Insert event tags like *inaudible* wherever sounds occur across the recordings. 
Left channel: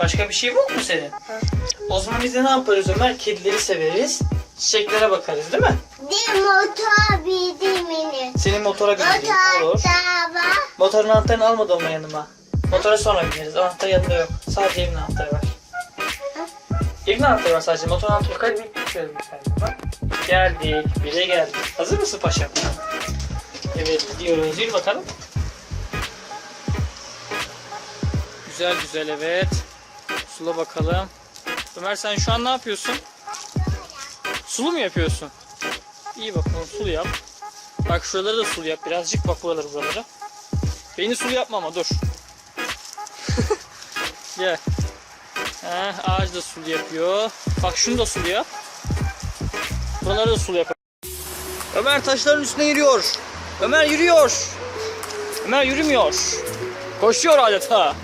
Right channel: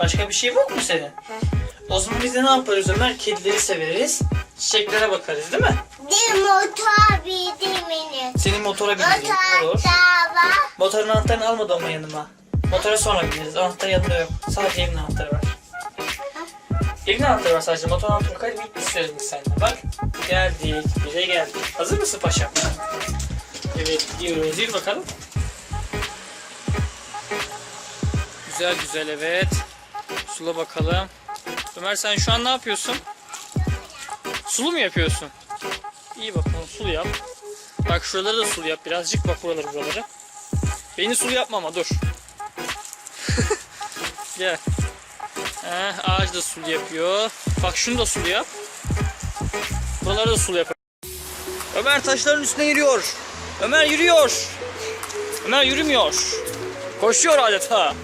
Başka bir şey yok mu senin? O zaman biz de ne yaparız Ömer? Kedileri severiz. Çiçeklere bakarız değil mi? Bir motor bildi mini. Senin motora bindireyim. Olur. Motor da var. Motorun anahtarını almadı ama yanıma. Motora sonra bineriz. Anahtar yanında yok. Sadece evin anahtarı var. Evin anahtarı var sadece. Motor anahtarı. Hadi birlikte sürelim biz seninle. Bak. Geldik. Bire geldik. Hazır mısın paşam? Evet gidiyoruz. Yürü bakalım. Güzel güzel evet. Sula bakalım. Ömer sen şu an ne yapıyorsun? Sulu mu yapıyorsun? İyi bakalım sulu yap. Bak şuraları da sulu yap birazcık. Bak buraları buraları. Beni sulu yapma ama dur. *laughs* Gel. Heh, ağaç da sulu yapıyor. Bak şunu da sulu yap. Buraları da sulu yap. Ömer taşların üstüne yürüyor. Ömer yürüyor. Ömer yürümüyor. Koşuyor adeta.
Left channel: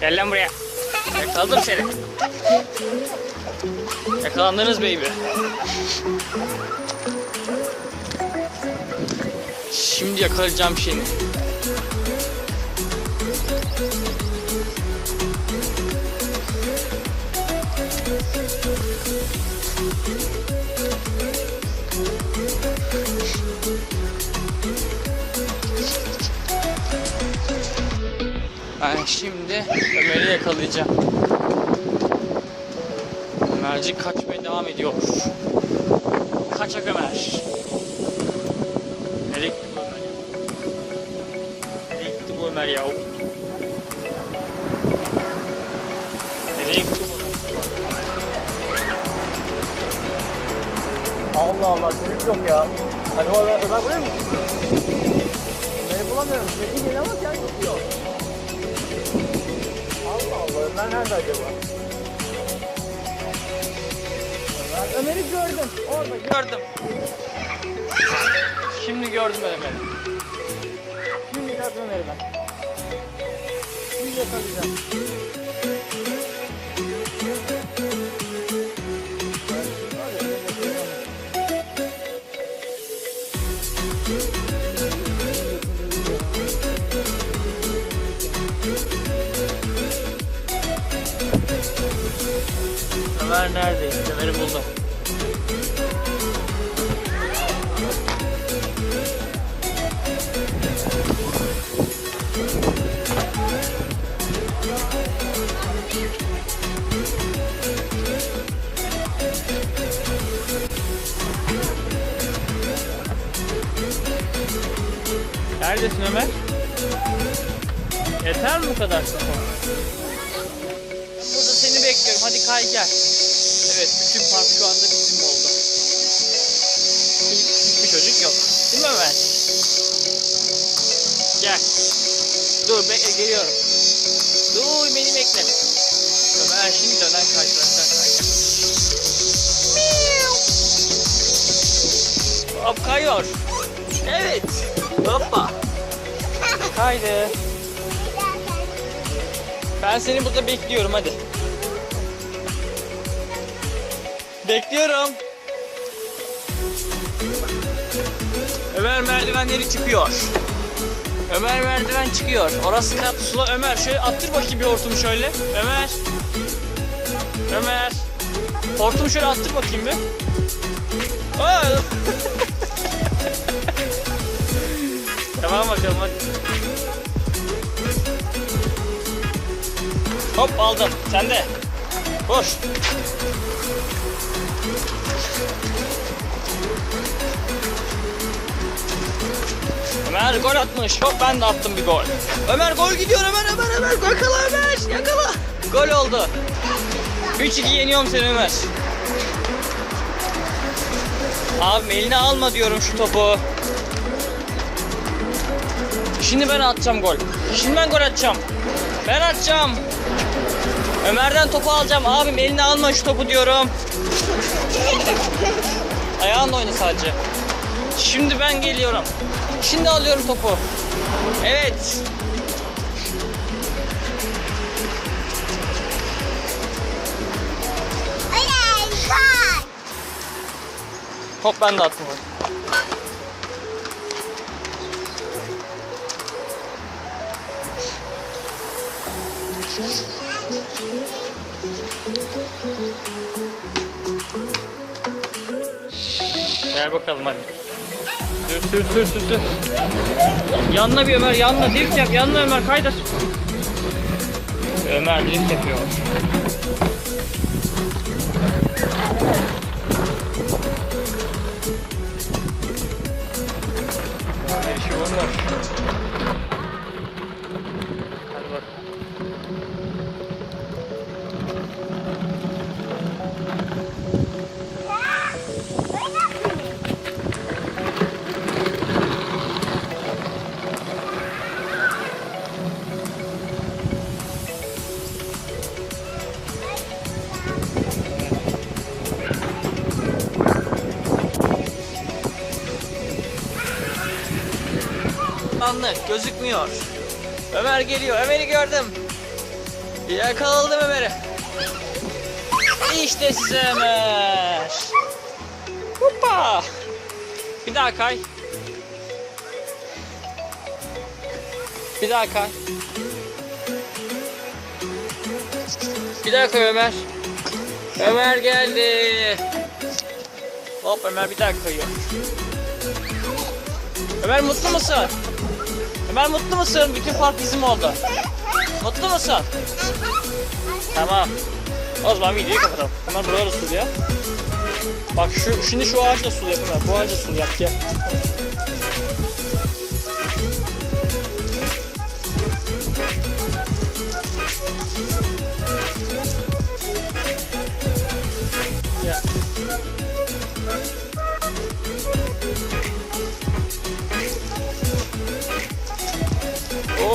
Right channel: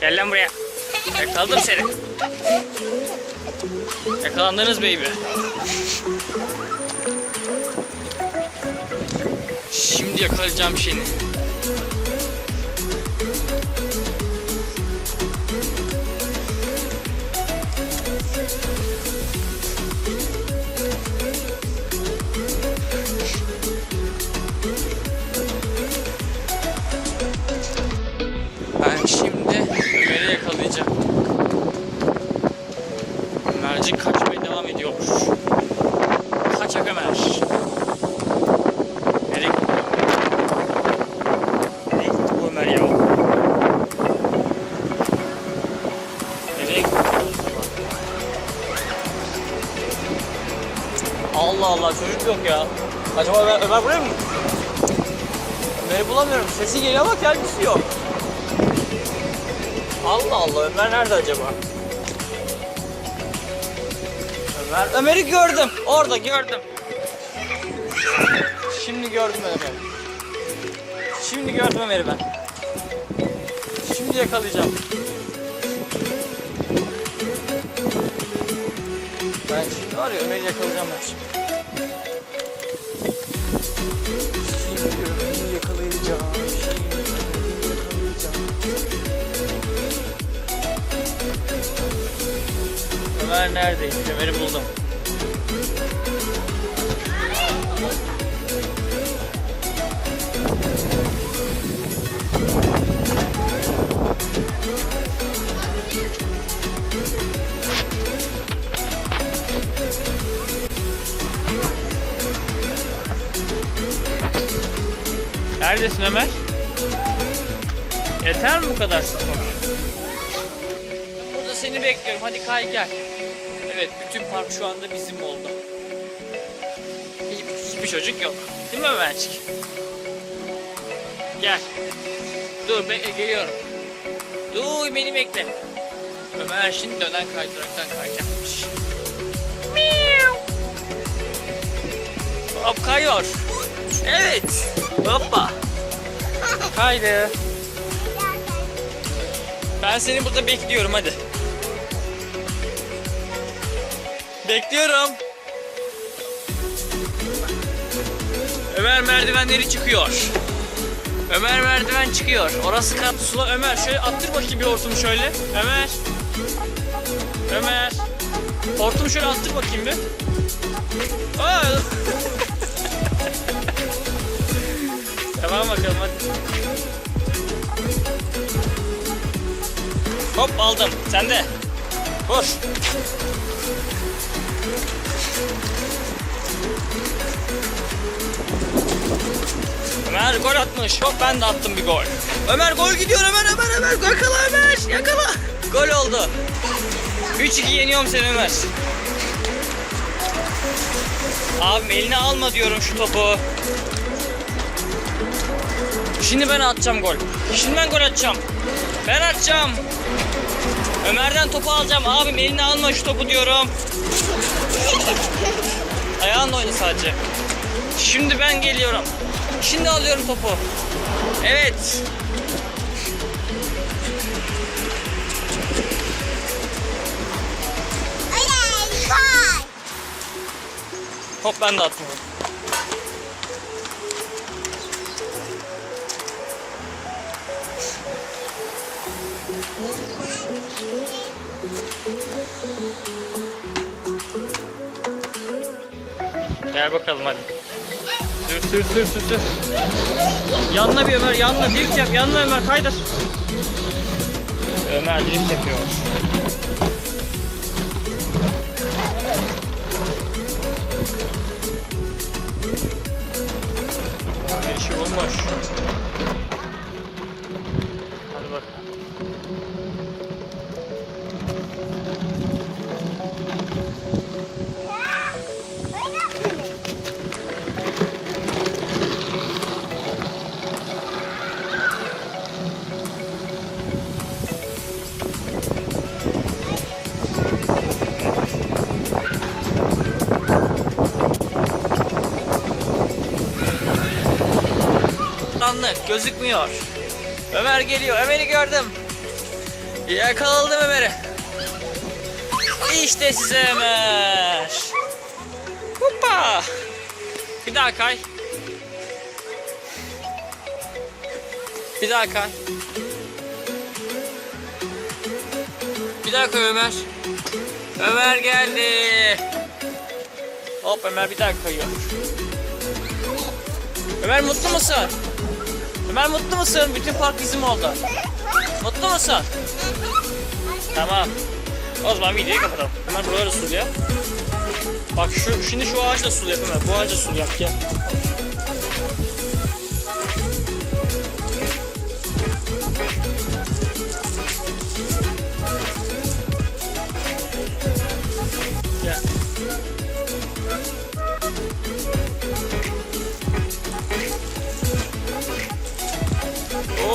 Gel lan buraya. Yakaladım seni. Yakalandınız baby. Şimdi yakalayacağım seni. Sesi geliyor ama kendisi yok. Allah Allah Ömer nerede acaba? Ömer, Ömer'i gördüm. Orada gördüm. Şimdi gördüm Ömer'i. Şimdi gördüm Ömer'i ben. Şimdi yakalayacağım. Ömer neredeymiş? Ömer'i buldum. Neredesin Ömer? Yeter mi bu kadar spor? Burada seni bekliyorum. Hadi kay gel. Evet, bütün park şu anda bizim oldu. Hiçbir çocuk yok. Değil mi Ömer? Gel. Dur, bekle, geliyorum. Dur, beni bekle. Ömer şimdi dönen kaydıraktan kayacakmış. Hop kayıyor. Evet. Hoppa. Kaydı. Ben seni burada bekliyorum hadi. Bekliyorum. Ömer merdivenleri çıkıyor. Ömer merdiven çıkıyor. Orası kat sula Ömer şöyle attır bakayım bir hortumu şöyle. Ömer. Ömer. Hortumu şöyle attır bakayım bir. Aa! *laughs* tamam bakalım hadi. Hop aldım. Sen de. Koş. Ömer gol atmış. Hop ben de attım bir gol. Ömer gol gidiyor Ömer Ömer Ömer. Yakala Ömer. Yakala. Gol oldu. 3-2 yeniyorum seni Ömer. Abi eline alma diyorum şu topu. Şimdi ben atacağım gol. Şimdi ben gol atacağım. Ben atacağım. Ömer'den topu alacağım. Abim eline alma şu topu diyorum. Ayağınla oyna sadece. Şimdi ben geliyorum. Şimdi alıyorum topu. Evet. Hop ben de attım. Gel bakalım hadi. Sür sür sür sür sür. Yanına bir Ömer yanına drift yap. Yanına Ömer kaydır. Ömer drift yapıyor. Her şey Anlık gözükmüyor. Ömer geliyor. Ömer'i gördüm. Yakaladım Ömer'i. İşte size Ömer. Hoppa. Bir daha kay. Bir daha kay. Bir daha kay Ömer. Ömer geldi. Hop Ömer bir daha kayıyor. Ömer mutlu musun? Ömer mutlu musun? Bütün park bizim oldu. Mutlu musun? Tamam. O zaman videoyu kapatalım. Ömer buraları suluyor. Bak şu, şimdi şu ağaçla sulu yap Ömer. Bu ağaçla sulu yap gel. Gel.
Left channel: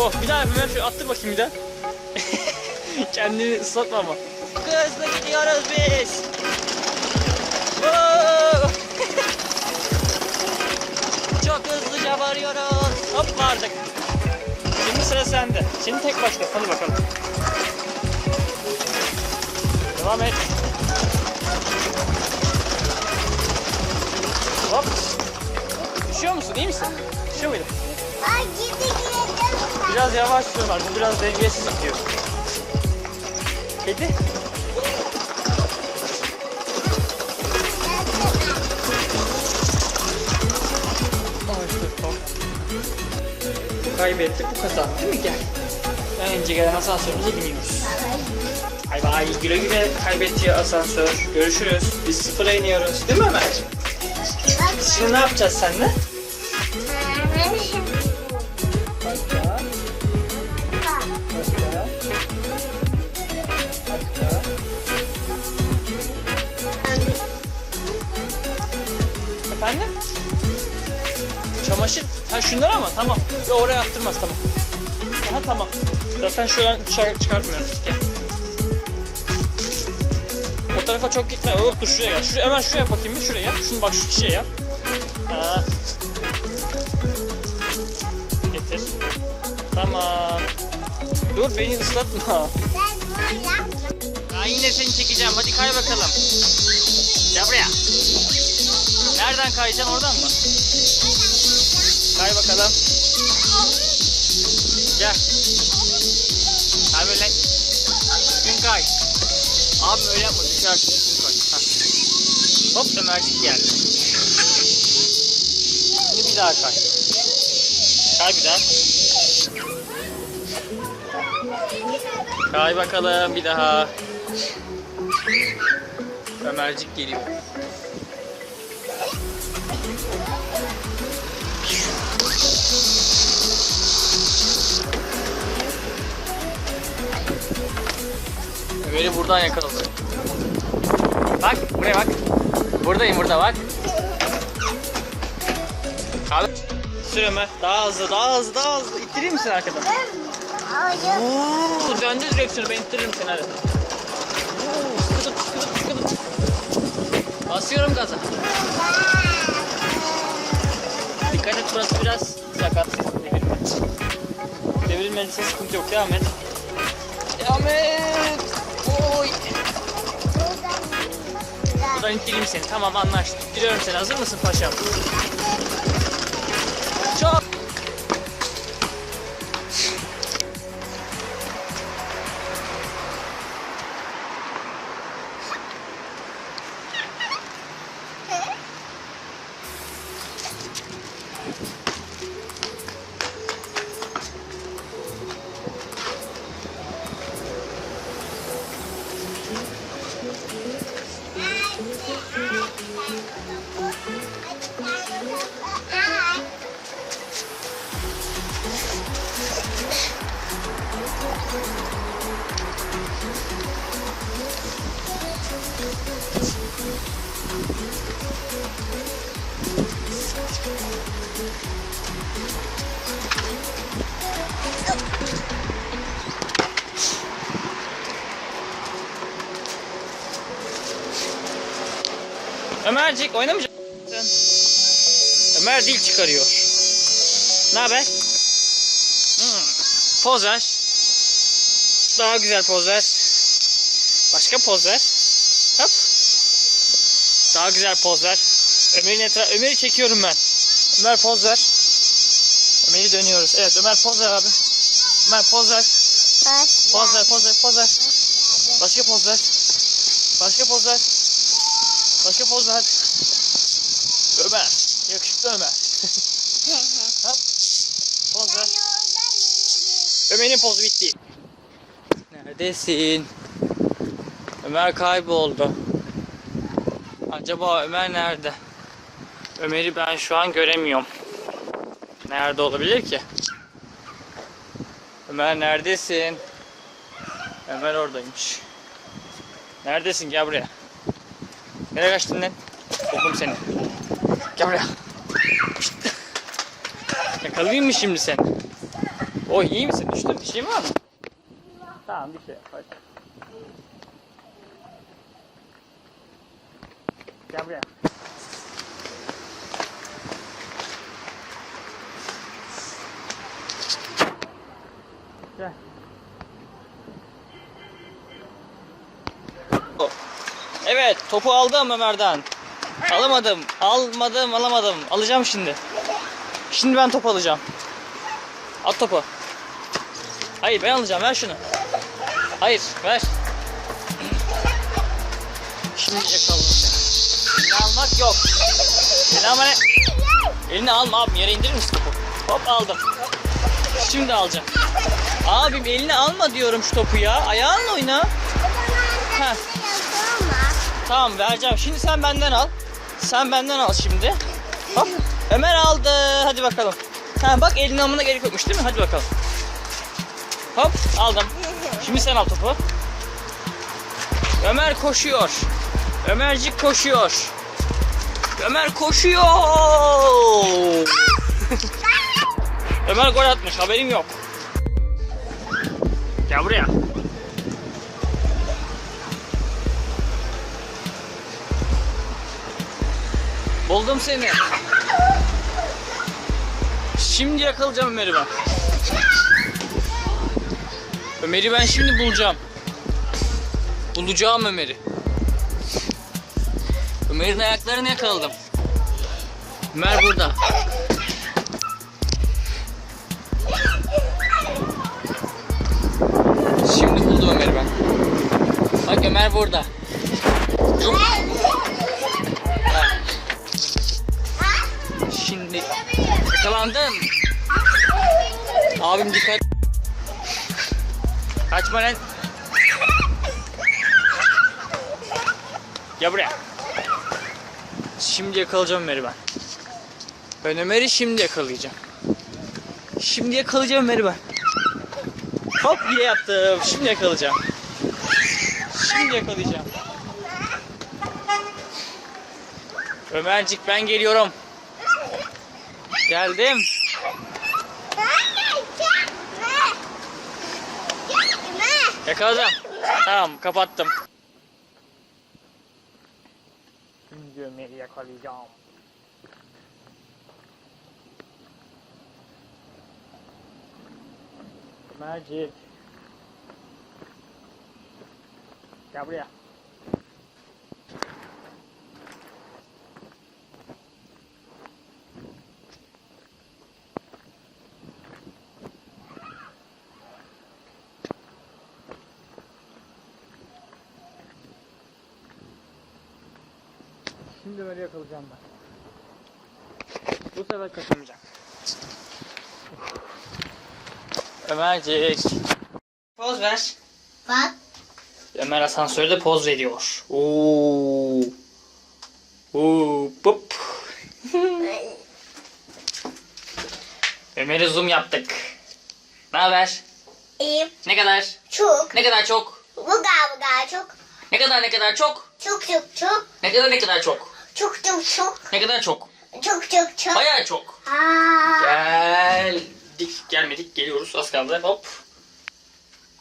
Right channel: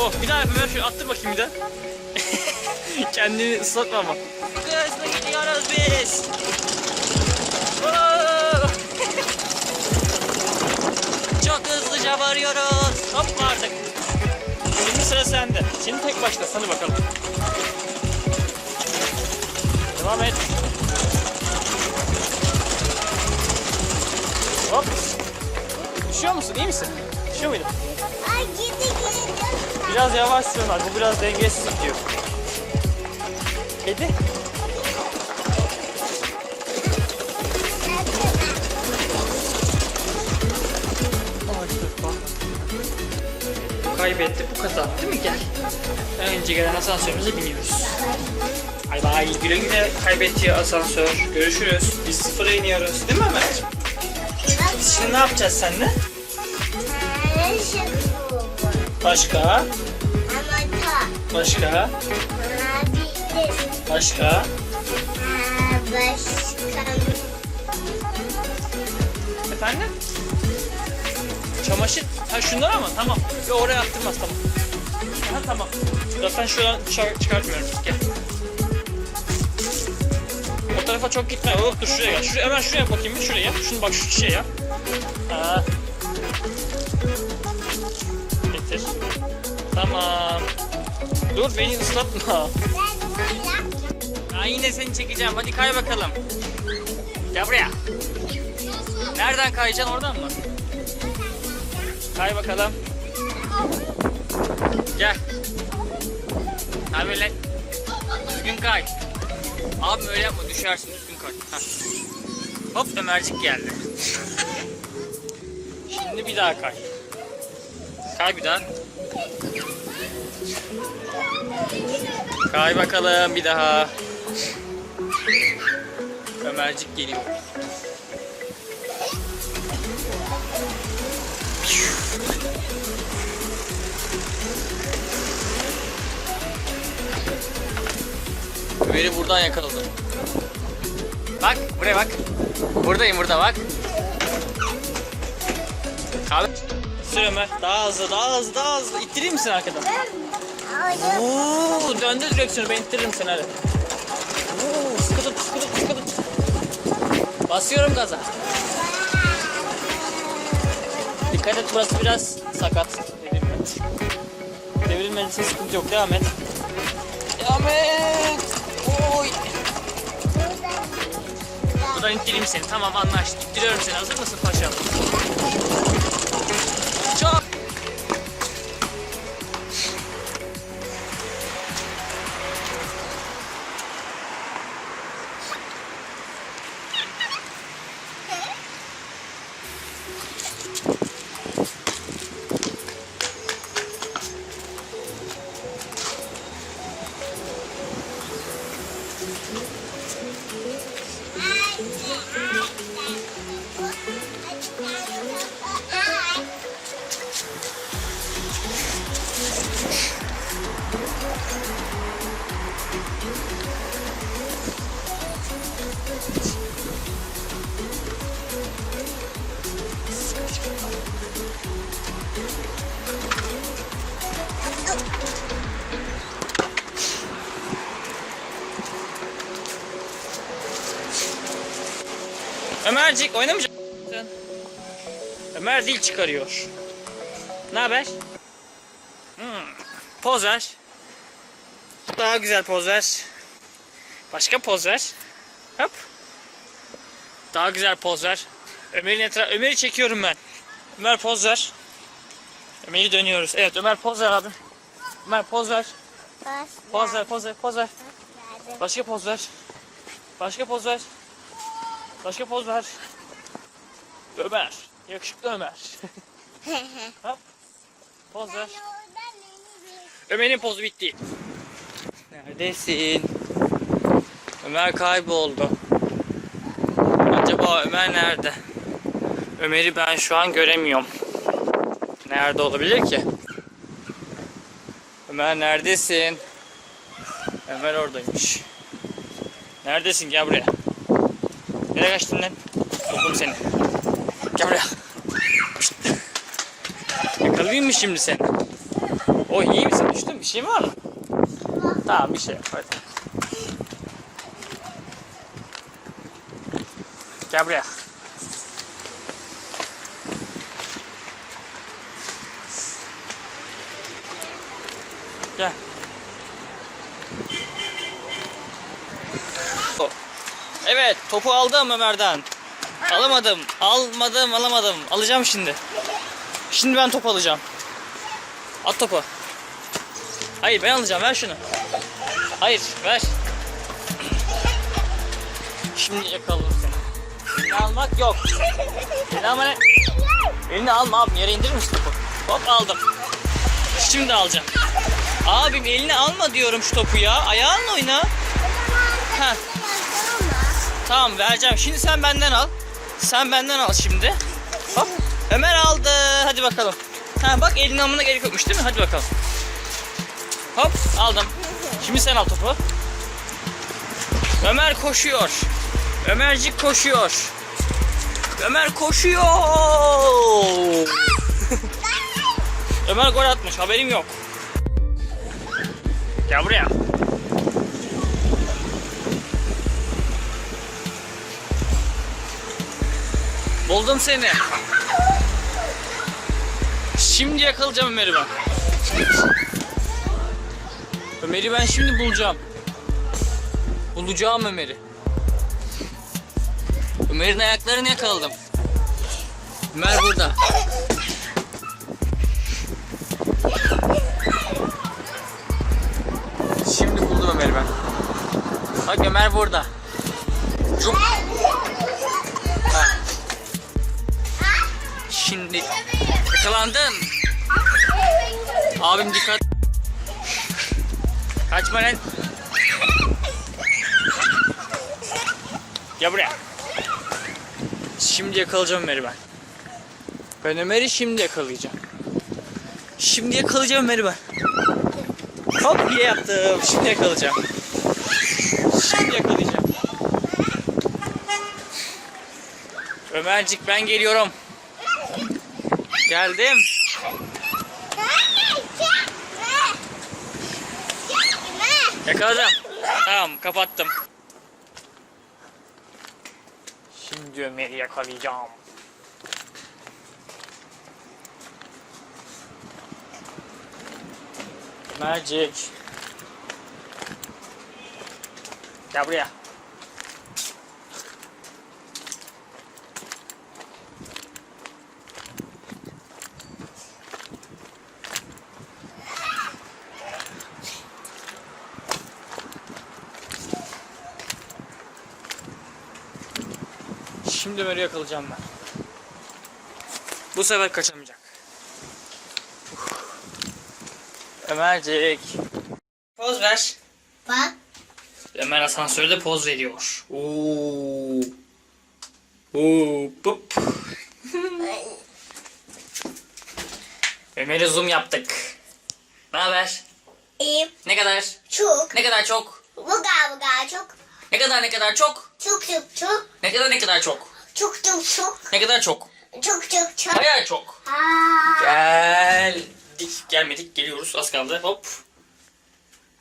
Oh bir daha Ömer şöyle attır bakayım bir daha. *laughs* Kendini ıslatma ama. Çok hızlı gidiyoruz biz. *laughs* Çok hızlıca varıyoruz. Hop vardık. Şimdi sıra sende. Şimdi tek başla. Hadi bakalım. Devam et. Hop. Düşüyor musun? İyi misin? Düşüyor muydun? Ay gidi. Biraz yavaş sürüyorlar. Bu biraz dengesiz gidiyor. Kedi. Ay, kaybetti, bu kazandı değil mi? Gel. Önce gelen asansörümüze biniyoruz. Bay bay. Güle güle kaybetti asansör. Görüşürüz. Biz sıfıra iniyoruz. Değil mi Ömer? Şimdi ne yapacağız seninle? Başka? Başka? Başka? Efendim? Çamaşır, ha şundan ama tamam. Yo, oraya attırmaz tamam. Ha tamam. Zaten şu an çıkartmıyoruz. Gel. O tarafa çok gitme. Dur şuraya gel. Şuraya, hemen şuraya bakayım bir şuraya. Şunu bak şu çiçeğe yap. Ha. Tamam. Dur beni ıslatma. Ya yine seni çekeceğim. Hadi kay bakalım. Gel buraya. Nereden kayacaksın oradan mı? Kay bakalım. Gel. Kay böyle. Düzgün kay. Abi öyle yapma düşersin düzgün kay. Heh. Hop Ömercik geldi. Şimdi bir daha kay. Kay bir daha. Kay bakalım bir daha. Ömercik geliyor. Ömer'i buradan yakaladım. Bak buraya bak. Buradayım burada bak. Abi. Sür Ömer. Daha hızlı daha hızlı daha hızlı. İttireyim misin arkadan? Oo, döndür direksiyonu ben ittiririm seni hadi. Oo, sıkı tut sıkı tut sıkı tut. Basıyorum gaza. Dikkat et burası biraz sakat. Devrilmen için sıkıntı yok. Devam et. Devam et. Oy. Buradan ittireyim seni. Tamam anlaştık. İttiriyorum seni. Hazır mısın paşam? Oh, Ömercik oynamayacak? Ömer dil çıkarıyor. Ne haber? Hmm. Poz ver. Daha güzel poz ver. Başka poz ver. Hop. Daha güzel poz ver. Ömer'in etra Ömer'i çekiyorum ben. Ömer poz ver. Ömer'i dönüyoruz. Evet Ömer poz ver abim. Ömer poz ver. Poz ver, poz ver, poz ver. Başka poz ver. Başka poz ver. Başka poz ver. Ömer. Yakışıklı Ömer. *laughs* Hop. Poz ver. Ömer'in pozu bitti. Neredesin? Ömer kayboldu. Acaba Ömer nerede? Ömer'i ben şu an göremiyorum. Nerede olabilir ki? Ömer neredesin? Ömer oradaymış. Neredesin? Gel buraya. Nereye kaçtın lan? Buldum seni. Gel buraya. Şşt. Yakalayayım mı şimdi seni? Oh iyi misin? Düştün bir şey var? Tamam bir şey yok hadi. Gel buraya. Gel. O. Evet topu aldım Ömer'den. Alamadım. Almadım alamadım. Alacağım şimdi. Şimdi ben top alacağım. At topu. Hayır ben alacağım ver şunu. Hayır ver. Şimdi yakaladım seni. Elini almak yok. Elini alma ne? Elini alma abim yere indirir misin topu? Hop aldım. Şimdi alacağım. Abim elini alma diyorum şu topu ya. Ayağınla oyna. Heh. Tamam vereceğim. Şimdi sen benden al. Sen benden al şimdi. Hop. Ömer aldı. Hadi bakalım. Ha bak elini almana gerek yokmuş değil mi? Hadi bakalım. Hop aldım. Şimdi sen al topu. Ömer koşuyor. Ömercik koşuyor. Ömer koşuyor. *laughs* Ömer gol atmış. Haberim yok. Gel buraya. Buldum seni. Şimdi yakalayacağım Ömer'i ben. Ömer'i ben şimdi bulacağım. Bulacağım Ömer'i. Ömer'in ayaklarını yakaladım. Ömer burada. Şimdi buldum Ömer'i ben. Bak Ömer burada. Çok... Şimdi yakalandın. Abim dikkat. Kaçma lan. Gel buraya. Şimdi yakalayacağım Ömer'i ben. Ben Ömer'i şimdi yakalayacağım. Şimdi yakalayacağım Ömer'i ben. Hop diye yaptım. Şimdi yakalayacağım. Şimdi yakalayacağım. Ömercik ben geliyorum. Geldim. Yakaladım. Tamam kapattım. Şimdi Ömer'i yakalayacağım. Ömercik. Gel buraya. Şimdi Ömer'i yakalayacağım ben. Bu sefer kaçamayacak. Ömercik. Poz ver. Bak. Ömer asansörde poz veriyor. Oo. Oo, pop. *laughs* Ömer'e zoom yaptık. Ne haber? İyiyim. Ne kadar? Çok. Ne kadar çok? Bu galiba çok. Ne kadar ne kadar çok? Çok çok çok. Ne kadar ne kadar çok? Çok çok çok. Ne kadar çok? Çok çok çok. Bayağı çok. Aa. Geldik. Gelmedik. Geliyoruz. Az kaldı. Hop.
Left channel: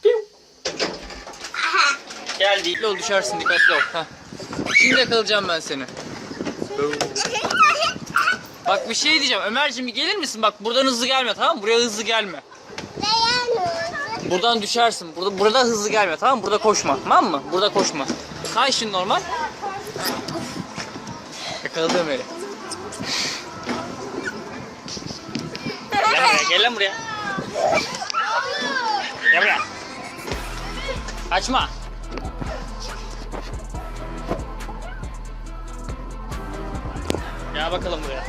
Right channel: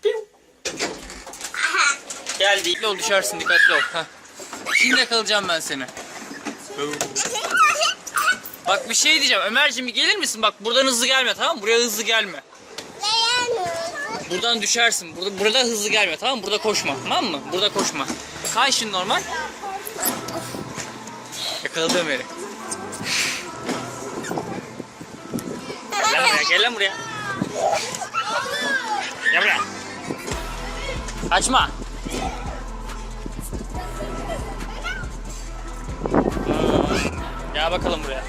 Piu. Geldik. Ol düşersin. Dikkatli ol. Heh. Şimdi yakalayacağım ben seni. Bak bir şey diyeceğim. Ömerciğim bir gelir misin? Bak buradan hızlı gelme tamam mı? Buraya hızlı gelme. Buradan düşersin. Burada, burada hızlı gelme tamam mı? Burada koşma. Tamam mı? Burada koşma. Kay şimdi normal. Yakaladı Ömer'i. Gel lan buraya, gel lan buraya. Gel buraya. Açma. Gel bakalım buraya.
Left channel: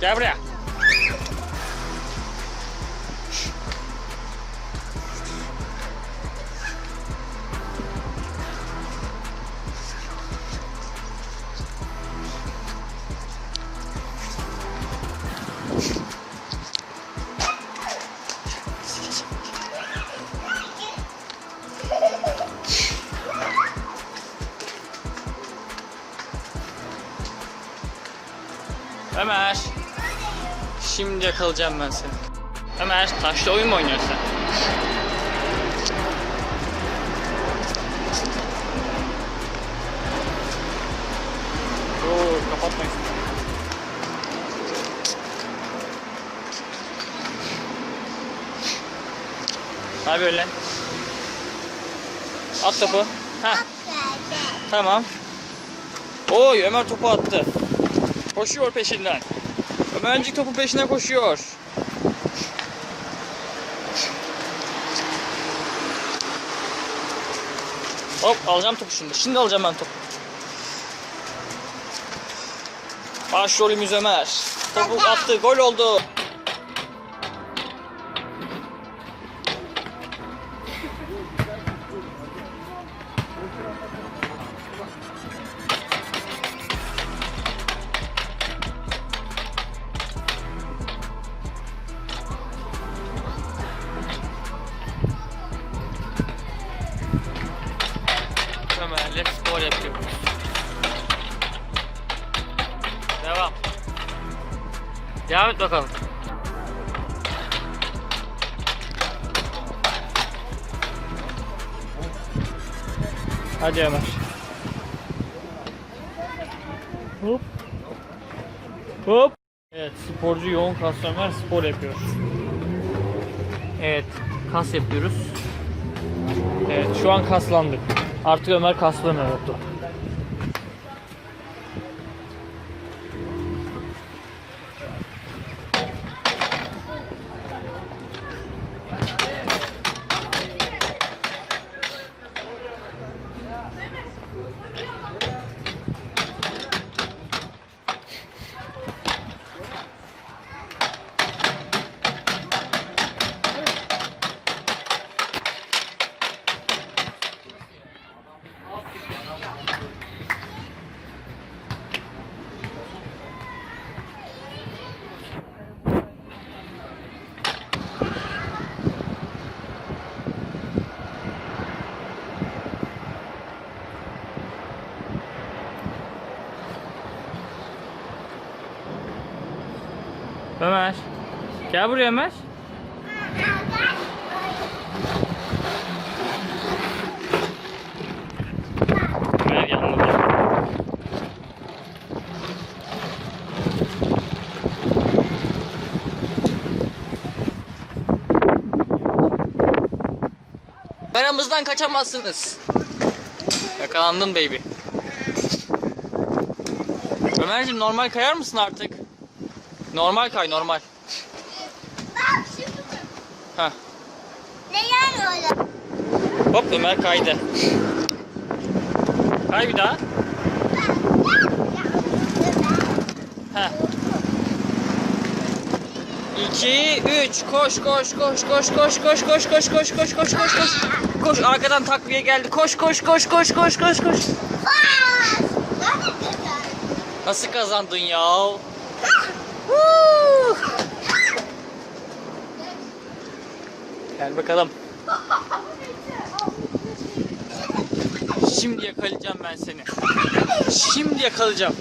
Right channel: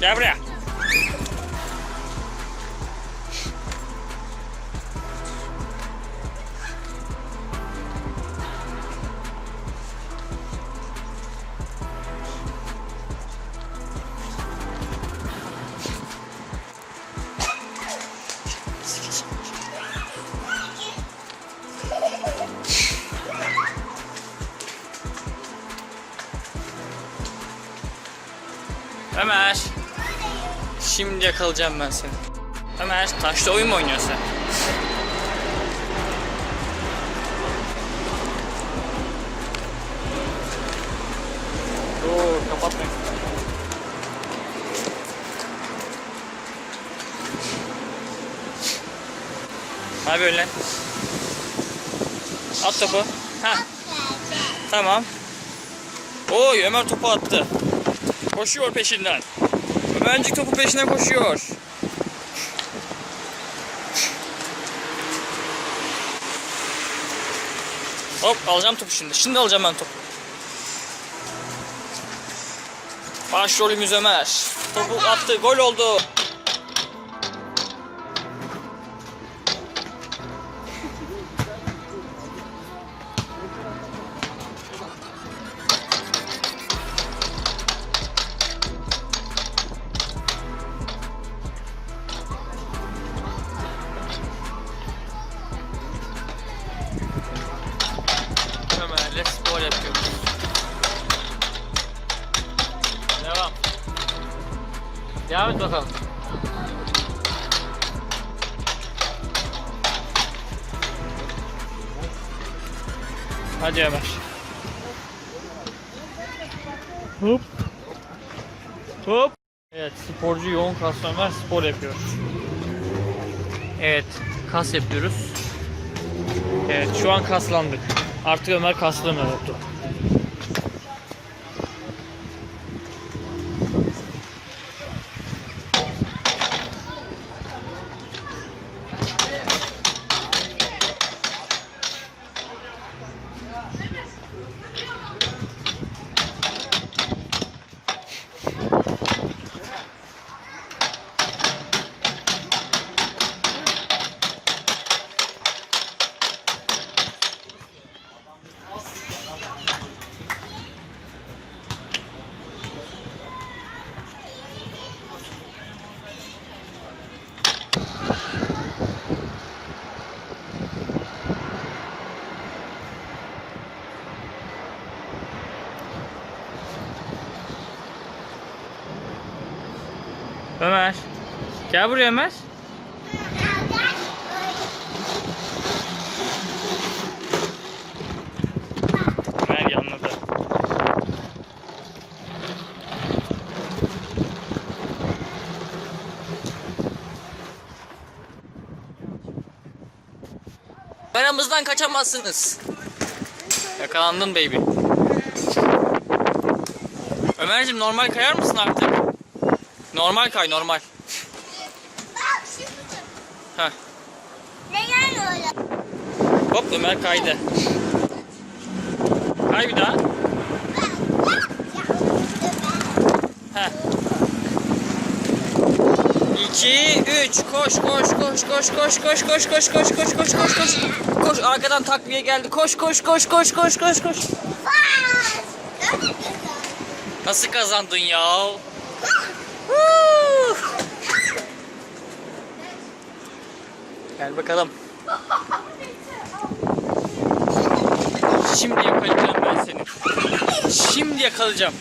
Gel buraya. Ömer. Şimdi yakalayacağım ben seni. Ömer taşla oyun mu oynuyorsun sen? Dur kapatmayın. Ne yapıyorsun lan? At topu. Ha tamam. Oy Ömer topu attı. Koşuyor peşinden. Ömercik topu peşine koşuyor. Hop alacağım topu şimdi. Şimdi alacağım ben topu. Başrolümüz Ömer. Topu attı. Gol oldu. Ömer'le spor yapıyoruz. Devam. Devam et bakalım. Hadi Ömer. Hop. Hop. Evet sporcu yoğun Ömer spor yapıyor. Evet kas yapıyoruz. Evet şu an kaslandık. Artık Ömer kaslanıyor oldu. Ömer. Gel buraya Ömer. Ömer yanladı. Aramızdan kaçamazsınız. Yakalandın baby. Ömerciğim normal kayar mısın artık? Normal kay normal. Bak şimdi. Heh. Neler öyle? Hop Ömer kaydı. Kay bir daha. Heh. 2 3 koş koş koş koş koş koş koş koş koş koş koş koş koş. Koş arkadan takviye geldi. Koş koş koş koş koş koş koş. Nasıl kazandın ya? Gel bakalım. Şimdi yakalayacağım ben seni. Şimdi yakalayacağım.